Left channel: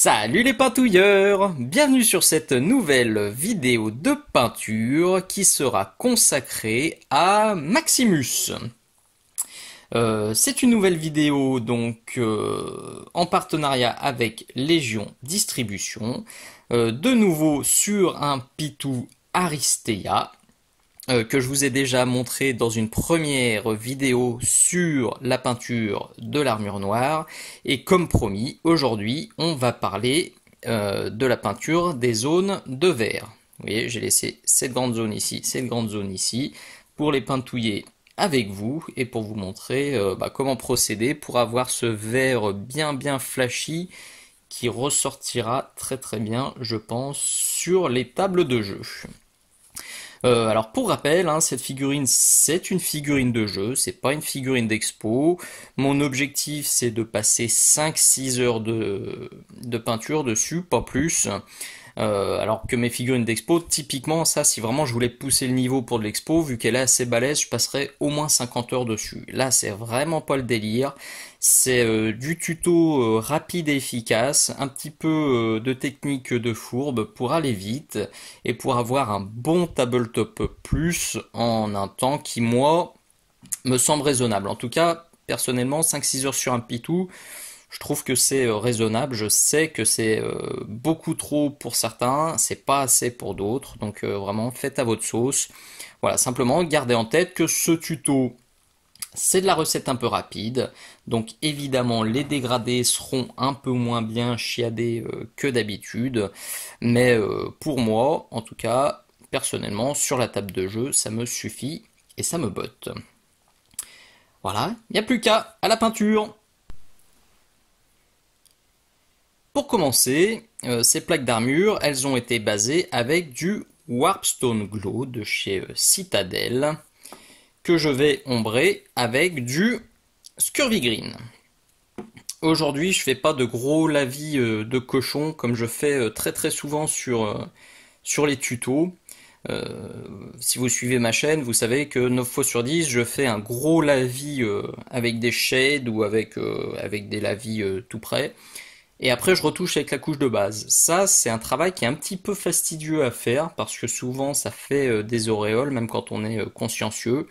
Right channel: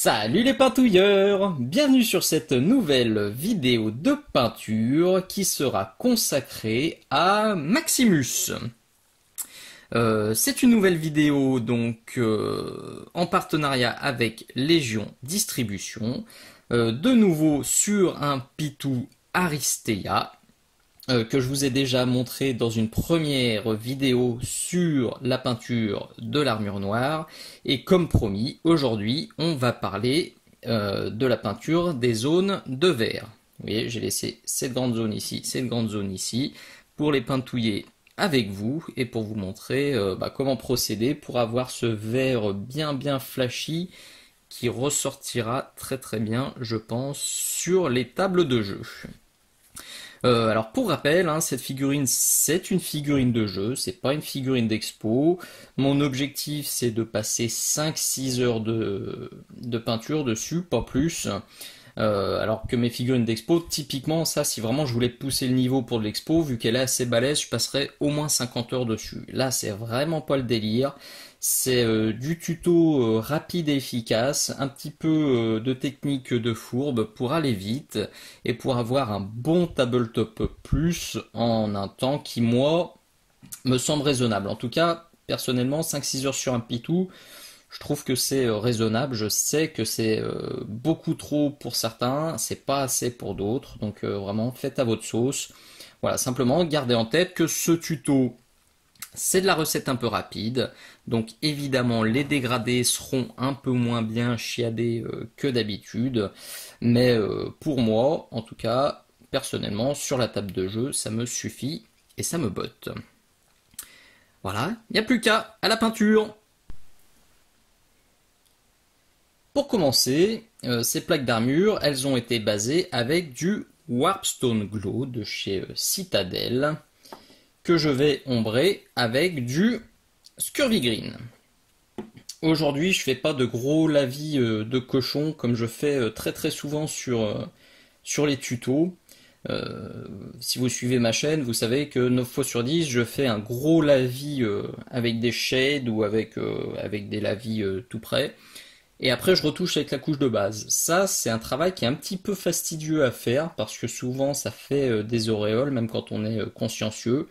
Salut les peintouilleurs! Bienvenue sur cette nouvelle vidéo de peinture qui sera consacrée à Maximus. C'est une nouvelle vidéo donc en partenariat avec Légion Distribution, de nouveau sur un Pitou Aristea que je vous ai déjà montré dans une première vidéo sur la peinture de l'armure noire. Et comme promis, aujourd'hui, on va parler de la peinture des zones de vert. Vous voyez, j'ai laissé cette grande zone ici, cette grande zone ici, pour les peintouiller avec vous et pour vous montrer comment procéder pour avoir ce vert bien flashy qui ressortira très bien, je pense, sur les tables de jeu. Alors pour rappel, cette figurine c'est une figurine de jeu, c'est pas une figurine d'expo. Mon objectif c'est de passer 5-6 heures de peinture dessus, pas plus. Alors que mes figurines d'expo, typiquement ça, si vraiment je voulais pousser le niveau pour de l'expo, vu qu'elle est assez balèze, je passerais au moins 50 heures dessus. Là c'est vraiment pas le délire. C'est du tuto rapide et efficace, un petit peu de technique de fourbe pour aller vite et pour avoir un bon tabletop plus en un temps qui, moi, me semble raisonnable. En tout cas, personnellement, 5-6 heures sur un pitou, je trouve que c'est raisonnable. Je sais que c'est beaucoup trop pour certains, c'est pas assez pour d'autres, donc vraiment faites à votre sauce. Voilà, simplement gardez en tête que ce tuto, c'est de la recette un peu rapide, donc évidemment les dégradés seront un peu moins bien chiadés que d'habitude, mais pour moi, en tout cas, personnellement, sur la table de jeu, ça me suffit et ça me botte. Voilà, il n'y a plus qu'à la peinture. Pour commencer, ces plaques d'armure, elles ont été basées avec du Warpstone Glow de chez Citadel, que je vais ombrer avec du Scurvy Green. Aujourd'hui, je fais pas de gros lavis de cochon comme je fais très souvent sur les tutos. Si vous suivez ma chaîne, vous savez que 9 fois sur 10, je fais un gros lavis avec des shades ou avec des lavis tout près. Et après, je retouche avec la couche de base. Ça, c'est un travail qui est un petit peu fastidieux à faire parce que souvent, ça fait des auréoles, même quand on est consciencieux.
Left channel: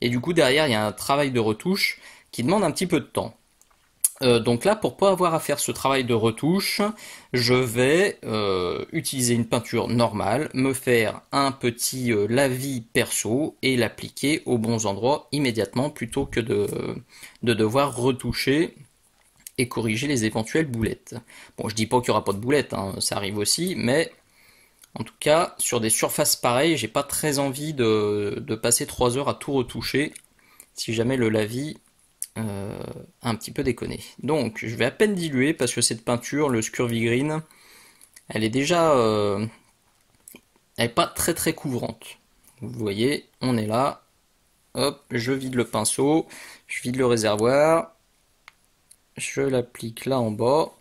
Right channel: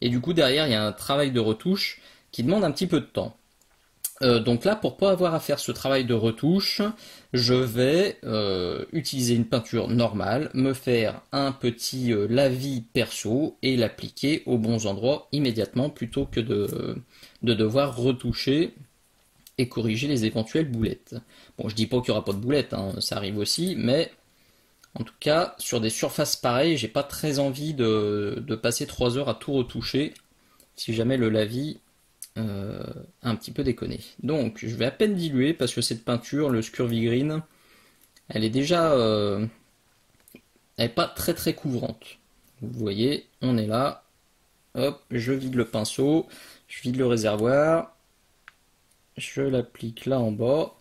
Et du coup, derrière, il y a un travail de retouche qui demande un petit peu de temps. Donc là, pour pas avoir à faire ce travail de retouche, je vais utiliser une peinture normale, me faire un petit lavis perso et l'appliquer aux bons endroits immédiatement plutôt que de devoir retoucher et corriger les éventuelles boulettes. Bon, je dis pas qu'il n'y aura pas de boulettes, ça arrive aussi, mais en tout cas, sur des surfaces pareilles, j'ai pas très envie de passer 3 heures à tout retoucher si jamais le lavis a un petit peu déconné. Donc, je vais à peine diluer parce que cette peinture, le Scurvy Green, elle est déjà elle est pas très couvrante. Vous voyez, on est là. Hop, je vide le pinceau, je vide le réservoir, je l'applique là en bas.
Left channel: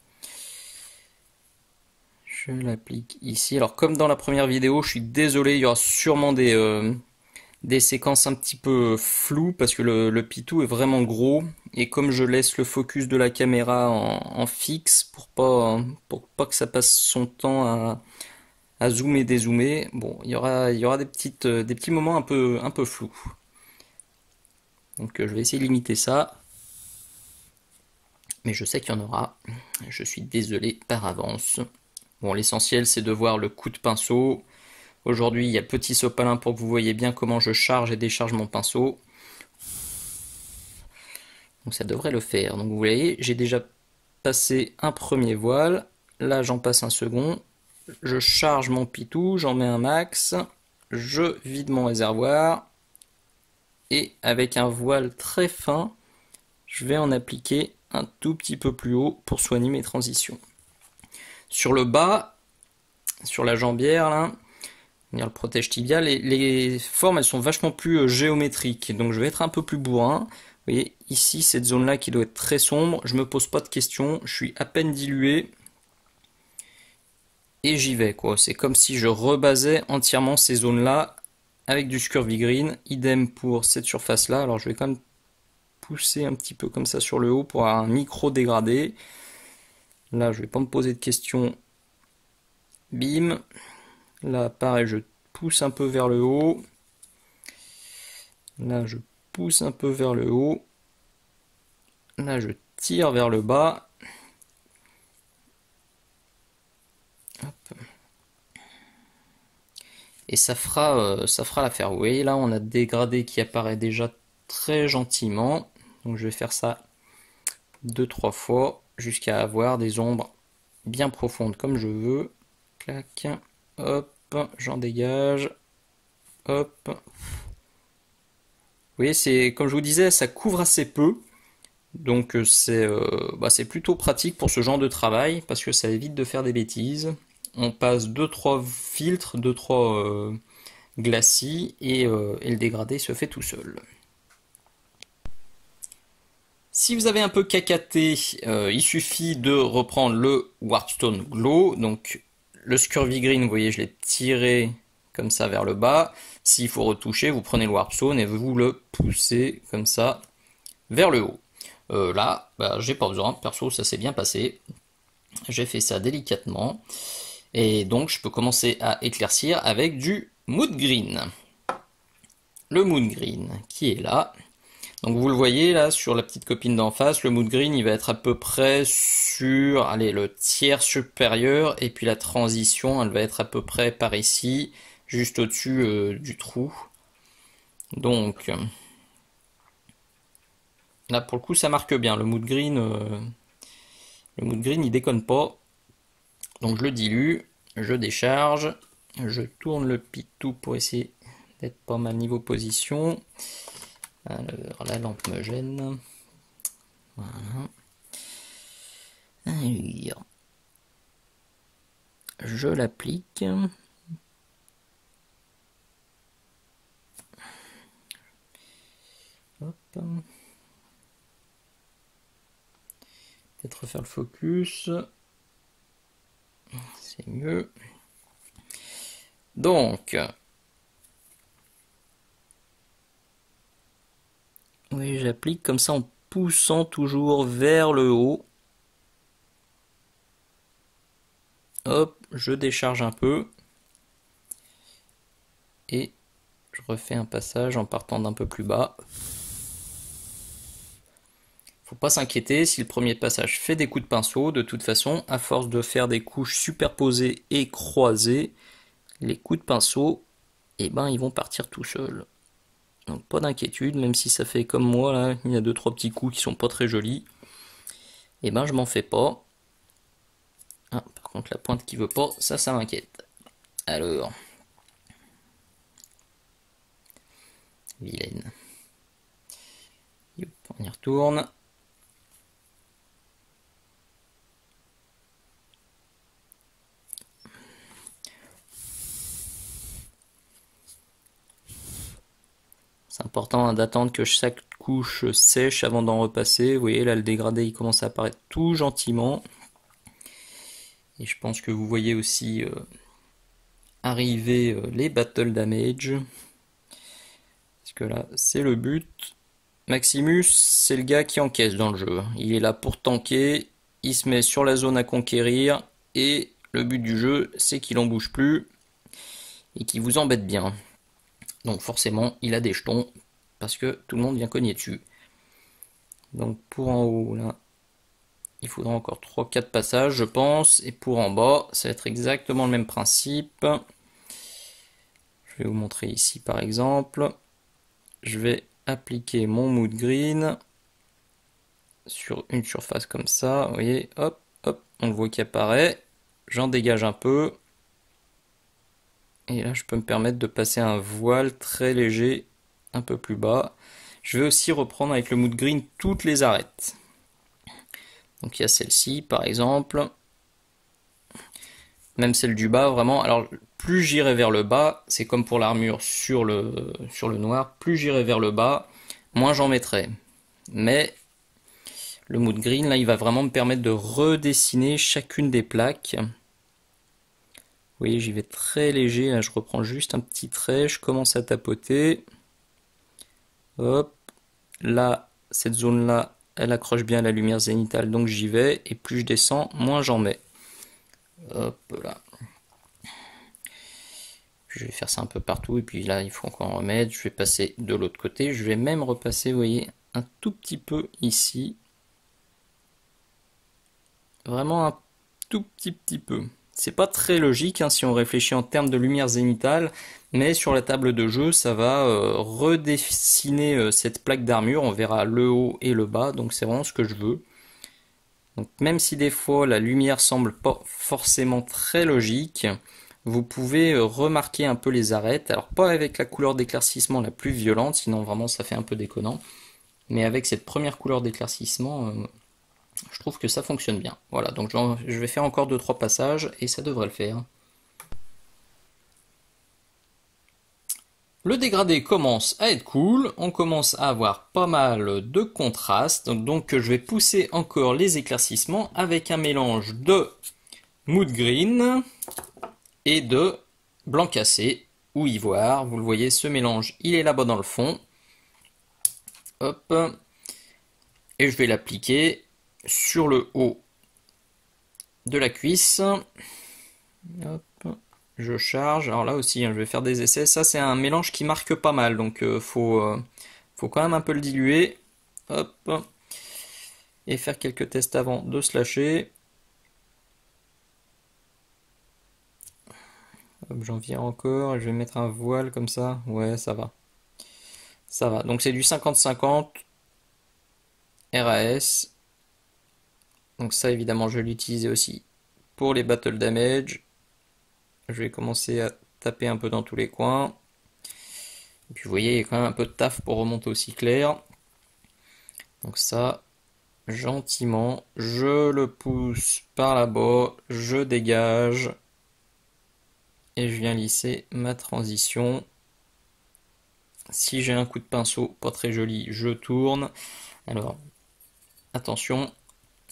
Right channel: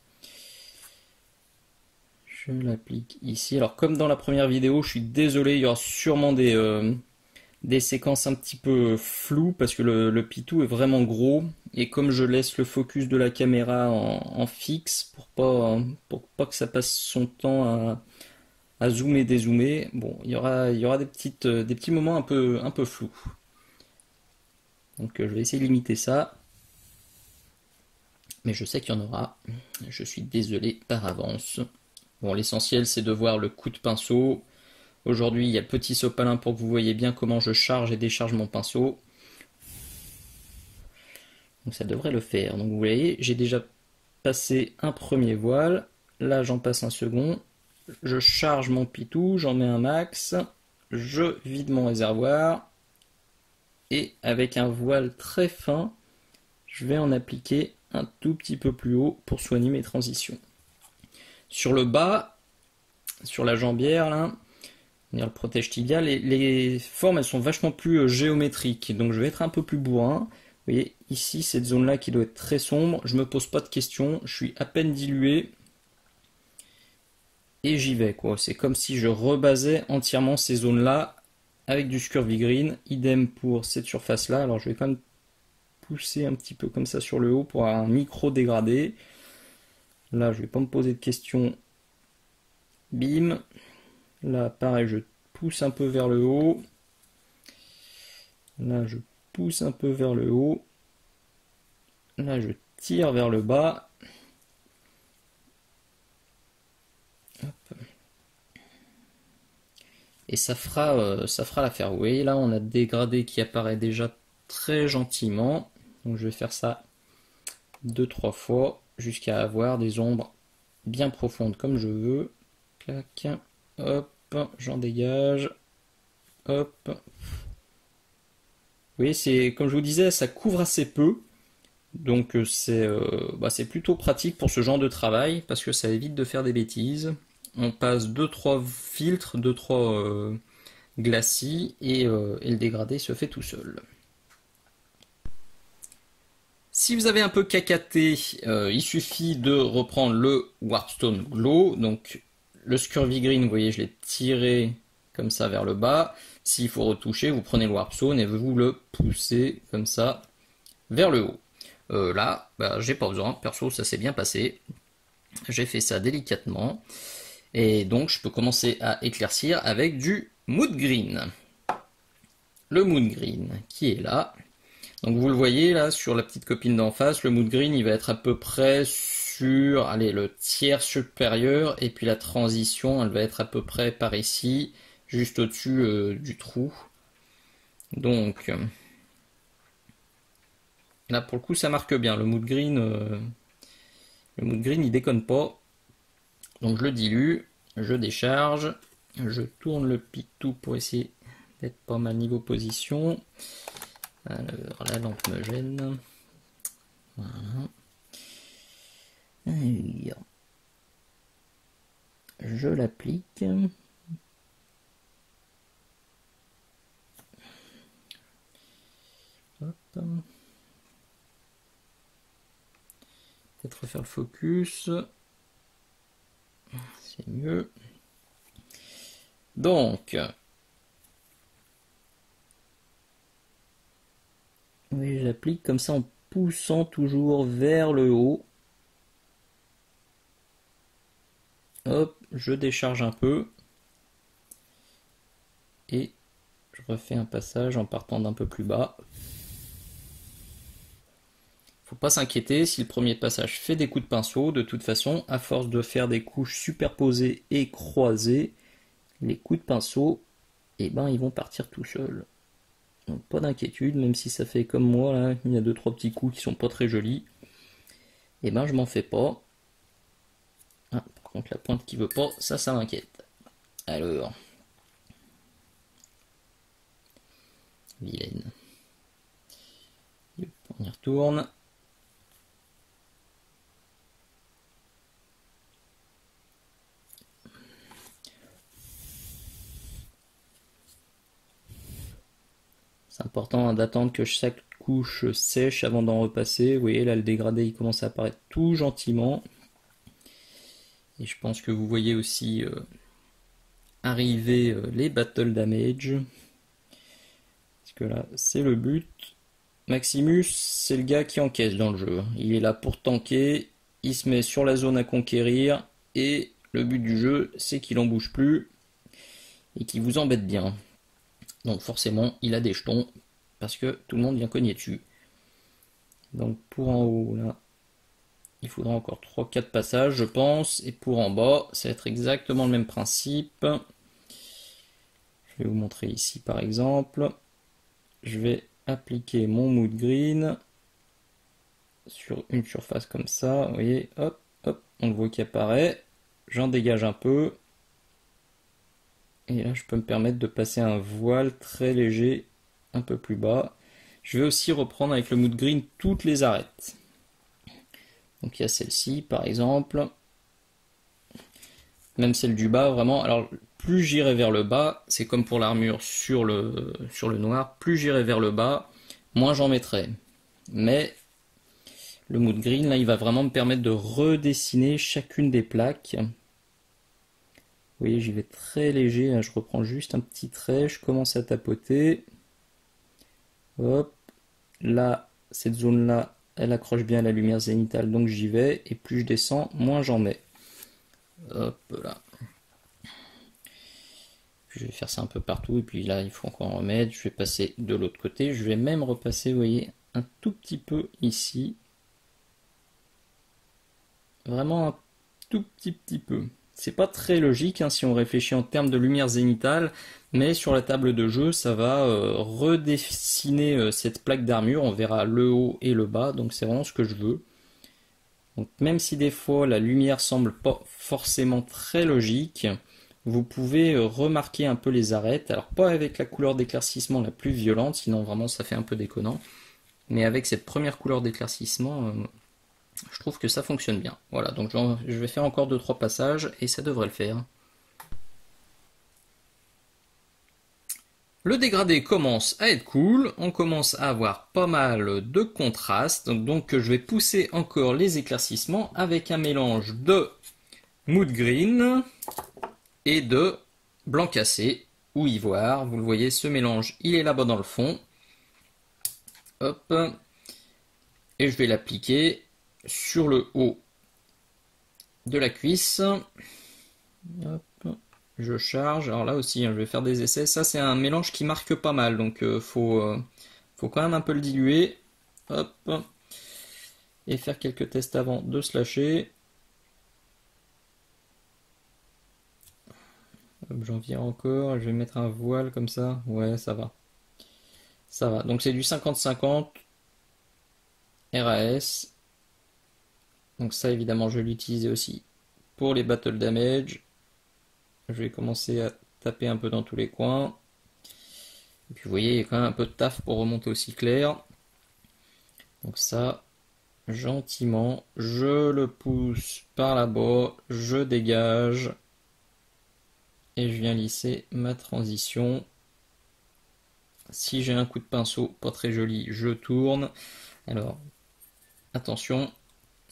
Je l'applique ici. Alors comme dans la première vidéo, je suis désolé, il y aura sûrement des séquences un petit peu floues parce que le pitou est vraiment gros. Et comme je laisse le focus de la caméra en fixe pour pas que ça passe son temps à zoomer, dézoomer, bon, il y aura des petits moments un peu flous. Donc je vais essayer de limiter ça. Mais je sais qu'il y en aura. Je suis désolé par avance. Bon, l'essentiel, c'est de voir le coup de pinceau. Aujourd'hui, il y a le petit sopalin pour que vous voyez bien comment je charge et décharge mon pinceau. Donc ça devrait le faire. Donc vous voyez, j'ai déjà passé un premier voile. Là, j'en passe un second. Je charge mon pitou, j'en mets un max. Je vide mon réservoir. Et avec un voile très fin, je vais en appliquer un tout petit peu plus haut pour soigner mes transitions. Sur le bas, sur la jambière, là, le protège tibia, les formes elles sont vachement plus géométriques, donc je vais être un peu plus bourrin. Vous voyez, ici, cette zone-là qui doit être très sombre, je me pose pas de questions, je suis à peine dilué, et j'y vais, quoi. C'est comme si je rebasais entièrement ces zones-là avec du Scurvy Green, idem pour cette surface-là. Alors je vais quand même pousser un petit peu comme ça sur le haut pour avoir un micro dégradé. Là, je vais pas me poser de questions. Bim. Là, pareil, je pousse un peu vers le haut. Là, je pousse un peu vers le haut. Là, je tire vers le bas. Hop. Et ça fera l'affaire. Vous voyez, là, on a le dégradé qui apparaît déjà très gentiment. Donc, je vais faire ça 2-3 fois jusqu'à avoir des ombres bien profondes comme je veux. Clac. Hop. J'en dégage. Hop. Vous voyez, c'est comme je vous disais, ça couvre assez peu. Donc c'est plutôt pratique pour ce genre de travail parce que ça évite de faire des bêtises. On passe 2-3 filtres, 2-3 glacis et le dégradé se fait tout seul. Si vous avez un peu cacaté, il suffit de reprendre le Warpstone Glow. Donc le Scurvy Green, vous voyez, je l'ai tiré comme ça vers le bas. S'il faut retoucher, vous prenez le Warpstone et vous le poussez comme ça vers le haut. Là, j'ai pas besoin, perso ça s'est bien passé. J'ai fait ça délicatement. Et donc je peux commencer à éclaircir avec du Mood Green. Le Mood Green qui est là. Donc vous le voyez là sur la petite copine d'en face, le Mood Green il va être à peu près sur le tiers supérieur. Et puis la transition elle va être à peu près par ici, juste au-dessus du trou. Donc... là pour le coup ça marque bien, le mood green il déconne pas. Donc je le dilue, je décharge, je tourne le pitou pour essayer d'être pas mal niveau position. Alors la lampe me gêne. Voilà. Alors, je l'applique. Hop. Peut-être refaire le focus. C'est mieux. Donc, oui, j'applique comme ça en poussant toujours vers le haut. Hop, je décharge un peu. Et je refais un passage en partant d'un peu plus bas. Faut pas s'inquiéter si le premier passage fait des coups de pinceau. De toute façon, à force de faire des couches superposées et croisées, les coups de pinceau, ils vont partir tout seuls. Donc pas d'inquiétude, même si ça fait comme moi, là, il y a 2-3 petits coups qui sont pas très jolis. Je m'en fais pas. Ah, par contre la pointe qui veut pas, ça m'inquiète. Alors. Vilaine. On y retourne. C'est important d'attendre que chaque couche sèche avant d'en repasser. Vous voyez là le dégradé il commence à apparaître tout gentiment. Et je pense que vous voyez aussi arriver les battle damage. Parce que là c'est le but. Maximus c'est le gars qui encaisse dans le jeu. Il est là pour tanker. Il se met sur la zone à conquérir. Et le but du jeu c'est qu'il en bouge plus. Et qu'il vous embête bien. Donc forcément, il a des jetons, parce que tout le monde vient cogner dessus. Donc pour en haut, là, il faudra encore 3-4 passages, je pense. Et pour en bas, ça va être exactement le même principe. Je vais vous montrer ici, par exemple. Je vais appliquer mon Mood Green sur une surface comme ça. Vous voyez, hop, hop, on le voit qui apparaît. J'en dégage un peu. Et là, je peux me permettre de passer un voile très léger, un peu plus bas. Je vais aussi reprendre avec le Mood Green toutes les arêtes. Donc il y a celle-ci, par exemple. Même celle du bas, vraiment. Alors, plus j'irai vers le bas, c'est comme pour l'armure sur le noir, plus j'irai vers le bas, moins j'en mettrai. Mais le Mood Green, là, il va vraiment me permettre de redessiner chacune des plaques. Vous voyez, j'y vais très léger, là je reprends juste un petit trait, je commence à tapoter. Hop, là, cette zone-là, elle accroche bien à la lumière zénitale, donc j'y vais, et plus je descends, moins j'en mets. Hop là. Je vais faire ça un peu partout, et puis là il faut encore en remettre. Je vais passer de l'autre côté, je vais même repasser, vous voyez, un tout petit peu ici. Vraiment un tout petit peu. C'est pas très logique hein, si on réfléchit en termes de lumière zénitale, mais sur la table de jeu, ça va redessiner cette plaque d'armure. On verra le haut et le bas, donc c'est vraiment ce que je veux. Donc même si des fois la lumière semble pas forcément très logique, vous pouvez remarquer un peu les arêtes. Alors pas avec la couleur d'éclaircissement la plus violente, sinon vraiment ça fait un peu déconnant. Mais avec cette première couleur d'éclaircissement, je trouve que ça fonctionne bien. Voilà, donc je vais faire encore 2-3 passages et ça devrait le faire. Le dégradé commence à être cool, on commence à avoir pas mal de contraste, donc je vais pousser encore les éclaircissements avec un mélange de mood green et de blanc cassé ou ivoire. Vous le voyez, ce mélange, il est là-bas dans le fond. Hop. Et je vais l'appliquer sur le haut de la cuisse. Hop. Je charge. Alors là aussi, je vais faire des essais. Ça, c'est un mélange qui marque pas mal, donc faut quand même un peu le diluer. Hop. Et faire quelques tests avant de se lâcher. J'en viens encore et je vais mettre un voile comme ça. Ouais, ça va. Ça va. Donc c'est du 50-50 RAS. Donc ça, évidemment, je l'utilisais aussi pour les battle damage. Je vais commencer à taper un peu dans tous les coins. Et puis vous voyez, il y a quand même un peu de taf pour remonter aussi clair. Donc ça, gentiment, je le pousse par là-bas, je dégage. Et je viens lisser ma transition. Si j'ai un coup de pinceau pas très joli, je tourne. Alors, attention,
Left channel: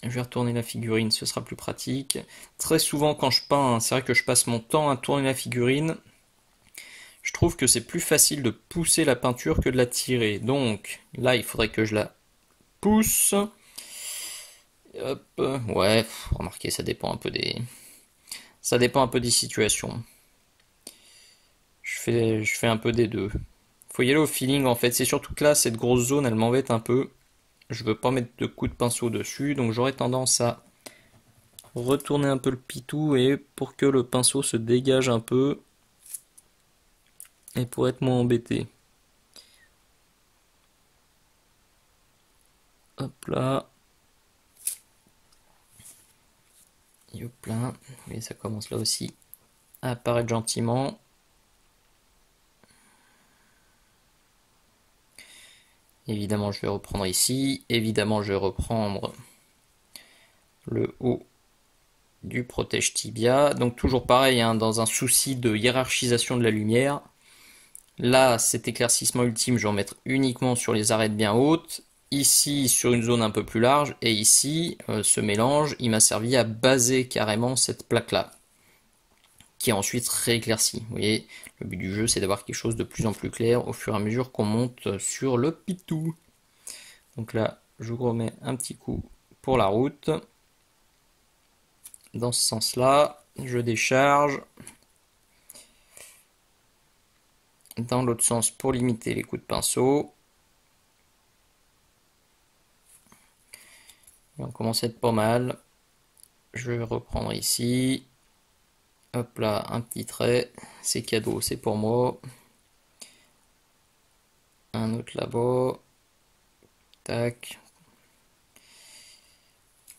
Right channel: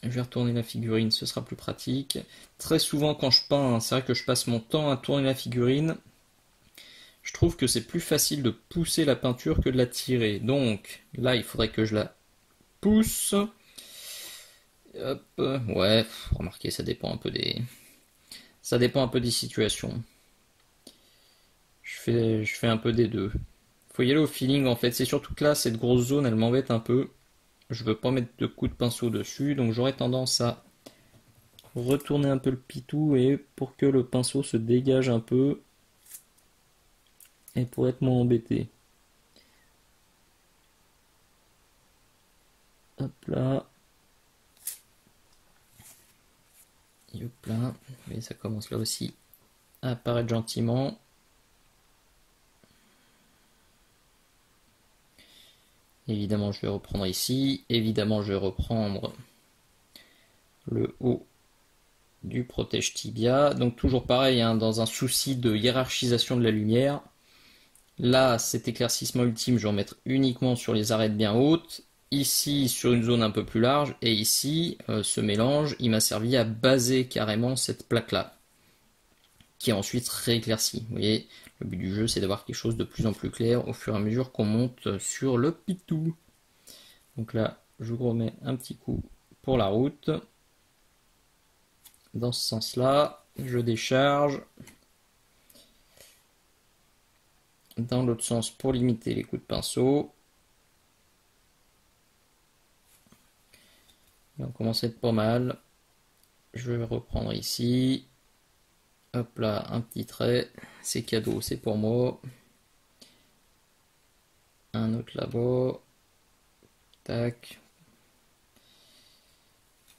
je vais retourner la figurine, ce sera plus pratique. Très souvent quand je peins, c'est vrai que je passe mon temps à tourner la figurine. Je trouve que c'est plus facile de pousser la peinture que de la tirer. Donc, là, il faudrait que je la pousse. Hop, ouais, remarquez, ça dépend un peu des... Ça dépend un peu des situations. Je fais un peu des deux. Faut y aller au feeling en fait. C'est surtout que là, cette grosse zone, elle m'embête un peu. Je veux pas mettre de coups de pinceau dessus, donc j'aurais tendance à retourner un peu le pitou et pour que le pinceau se dégage un peu et pour être moins embêté. Hop là. Hop là. Et ça commence là aussi à apparaître gentiment. Évidemment, je vais reprendre ici. Évidemment, je vais reprendre le haut du protège tibia. Donc toujours pareil, hein, dans un souci de hiérarchisation de la lumière. Là, cet éclaircissement ultime, je vais en mettre uniquement sur les arêtes bien hautes. Ici, sur une zone un peu plus large. Et ici, ce mélange, il m'a servi à baser carrément cette plaque-là, qui est ensuite rééclaircie. Vous voyez, le but du jeu, c'est d'avoir quelque chose de plus en plus clair au fur et à mesure qu'on monte sur le pitou. Donc là, je vous remets un petit coup pour la route. Dans ce sens-là, je décharge. Dans l'autre sens pour limiter les coups de pinceau. Et on commence à être pas mal. Je vais reprendre ici. Hop là, un petit trait. C'est cadeau, c'est pour moi. Un autre là-bas. Tac.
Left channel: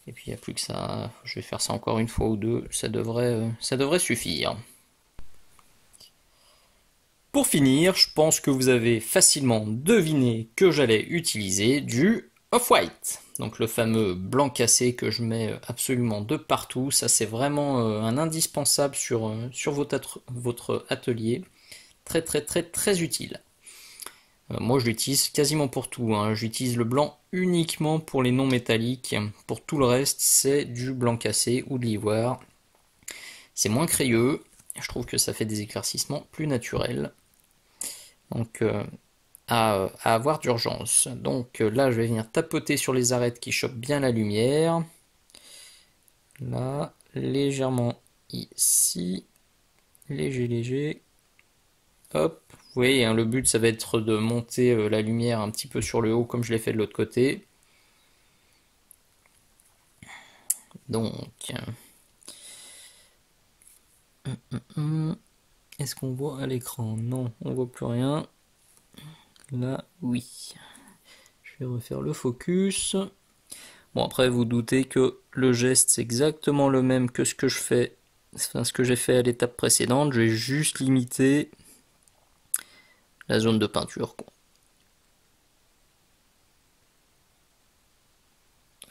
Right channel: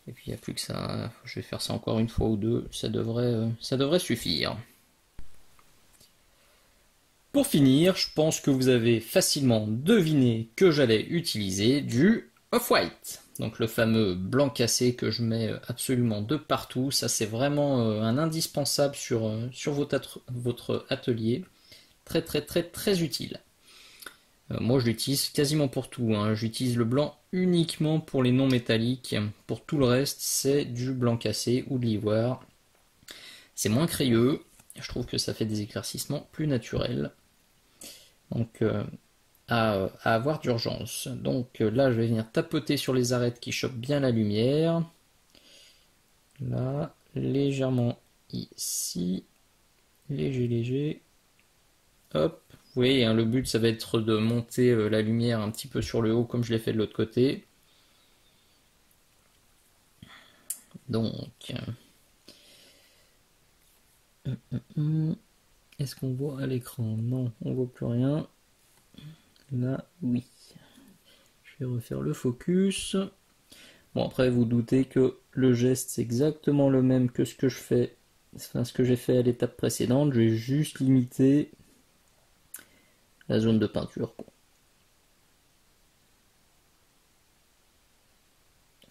Et puis il n'y a plus que ça. Je vais faire ça encore une fois ou deux. Ça devrait suffire. Pour finir, je pense que vous avez facilement deviné que j'allais utiliser du off-white. Donc le fameux blanc cassé que je mets absolument de partout. Ça c'est vraiment un indispensable sur votre atelier. Très très très très utile. Moi je l'utilise quasiment pour tout. Hein. J'utilise le blanc uniquement pour les non métalliques. Pour tout le reste c'est du blanc cassé ou de l'ivoire. C'est moins crayeux. Je trouve que ça fait des éclaircissements plus naturels. Donc à avoir d'urgence. Donc là, je vais venir tapoter sur les arêtes qui chopent bien la lumière. Là, légèrement ici. Léger, léger. Hop. Vous voyez, hein, le but, ça va être de monter la lumière un petit peu sur le haut, comme je l'ai fait de l'autre côté. Donc... Est-ce qu'on voit à l'écran? Non, on voit plus rien. Là, oui. Je vais refaire le focus. Bon, après, vous doutez que le geste, c'est exactement le même que ce que je fais, enfin, ce que j'ai fait à l'étape précédente. Je vais juste limiter la zone de peinture, quoi.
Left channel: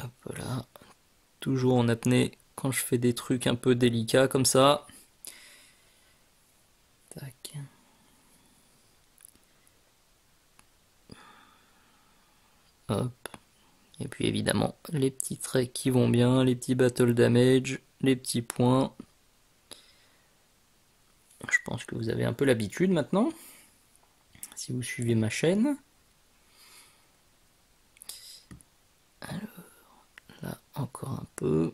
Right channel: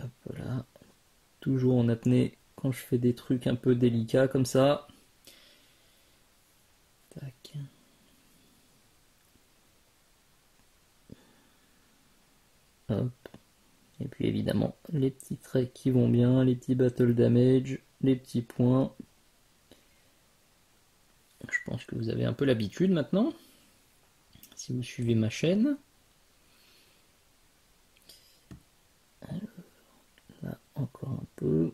Hop là. Toujours en apnée quand je fais des trucs un peu délicats comme ça. Tac. Hop. Et puis évidemment, les petits traits qui vont bien, les petits battle damage, les petits points. Je pense que vous avez un peu l'habitude maintenant, si vous suivez ma chaîne. Alors, là, encore un peu.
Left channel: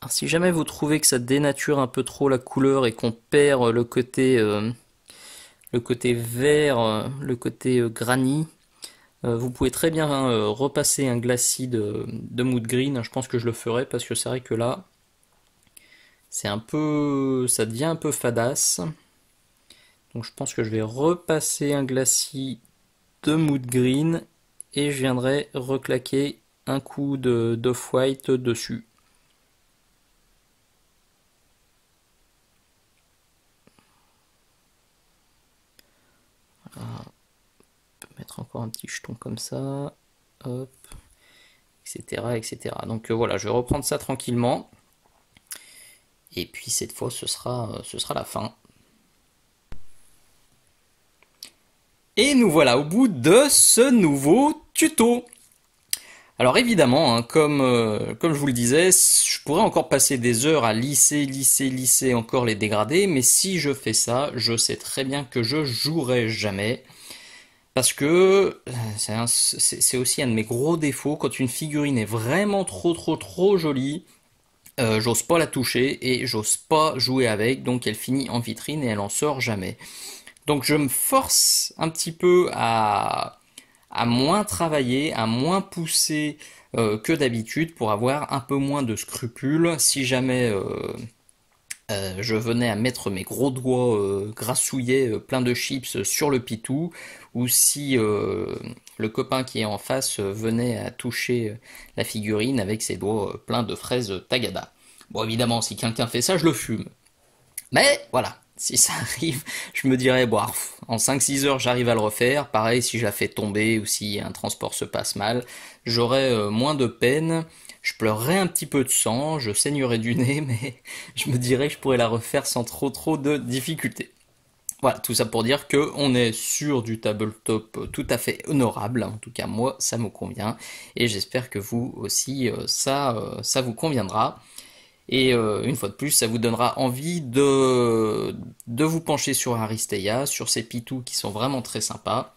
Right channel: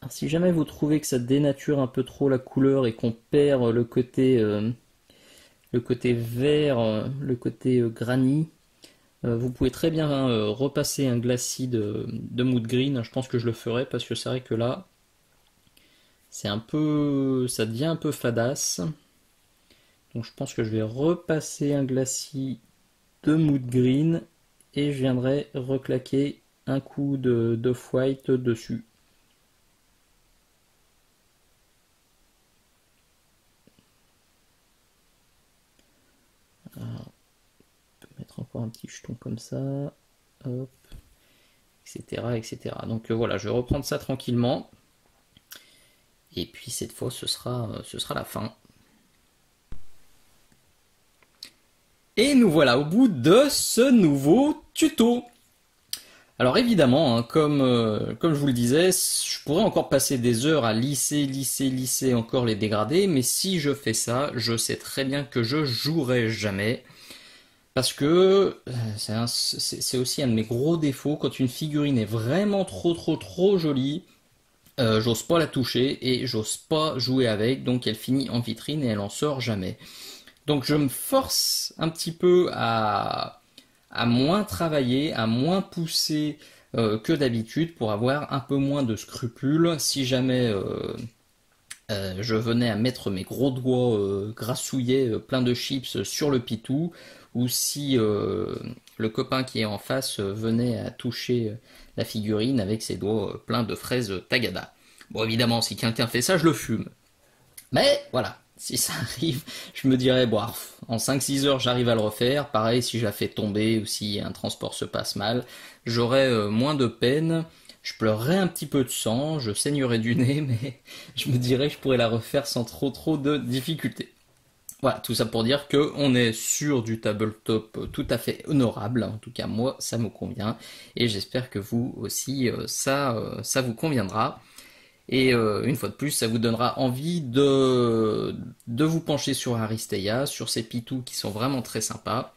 Alors, si jamais vous trouvez que ça dénature un peu trop la couleur et qu'on perd le côté vert, le côté granit, vous pouvez très bien repasser un glacis de mood green. Je pense que je le ferai parce que c'est vrai que là, c'est un peu, ça devient un peu fadasse. Donc je pense que je vais repasser un glacis de mood green et je viendrai reclaquer un coup d'off-white dessus. Voilà. On peut mettre encore un petit jeton comme ça, hop, etc., etc. Donc voilà, je vais reprendre ça tranquillement. Et puis cette fois, ce sera la fin. Et nous voilà au bout de ce nouveau tuto. Alors évidemment, hein, comme je vous le disais, je pourrais encore passer des heures à lisser encore les dégradés, mais si je fais ça, je sais très bien que je jouerai jamais. Parce que c'est aussi un de mes gros défauts, quand une figurine est vraiment trop jolie, j'ose pas la toucher et j'ose pas jouer avec, donc elle finit en vitrine et elle en sort jamais. Donc je me force un petit peu à moins travailler, à moins pousser que d'habitude pour avoir un peu moins de scrupules. Si jamais je venais à mettre mes gros doigts grassouillés plein de chips sur le pitou, ou si le copain qui est en face venait à toucher la figurine avec ses doigts pleins de fraises Tagada. Bon, évidemment, si quelqu'un fait ça, je le fume. Mais voilà, si ça arrive, je me dirais, bon, en 5-6 heures, j'arrive à le refaire. Pareil, si je la fais tomber ou si un transport se passe mal, j'aurais moins de peine. Je pleurerais un petit peu de sang, je saignerais du nez, mais je me dirais que je pourrais la refaire sans trop de difficultés. Voilà, tout ça pour dire qu'on est sur du tabletop tout à fait honorable. En tout cas, moi, ça me convient. Et j'espère que vous aussi, ça vous conviendra. Et une fois de plus, ça vous donnera envie de vous pencher sur Aristeia, sur ces pitous qui sont vraiment très sympas.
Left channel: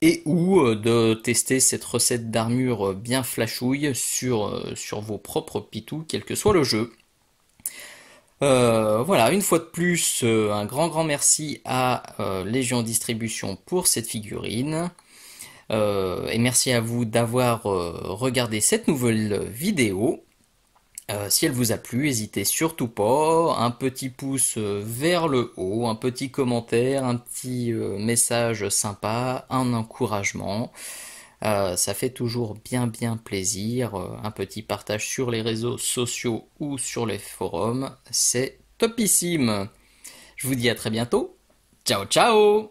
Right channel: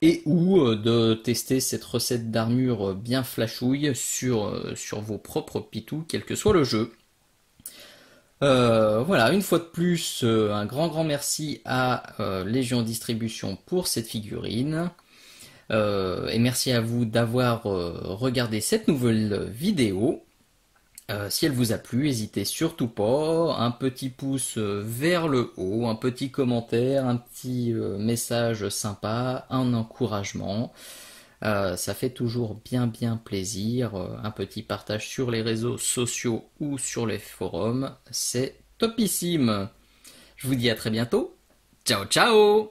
Et ou de tester cette recette d'armure bien flashouille sur vos propres pitous, quel que soit le jeu. Voilà, une fois de plus, un grand merci à Légion Distribution pour cette figurine. Et merci à vous d'avoir regardé cette nouvelle vidéo. Si elle vous a plu, n'hésitez surtout pas, un petit pouce vers le haut, un petit commentaire, un petit message sympa, un encouragement. Ça fait toujours bien plaisir. Un petit partage sur les réseaux sociaux ou sur les forums, c'est topissime. Je vous dis à très bientôt. Ciao ciao.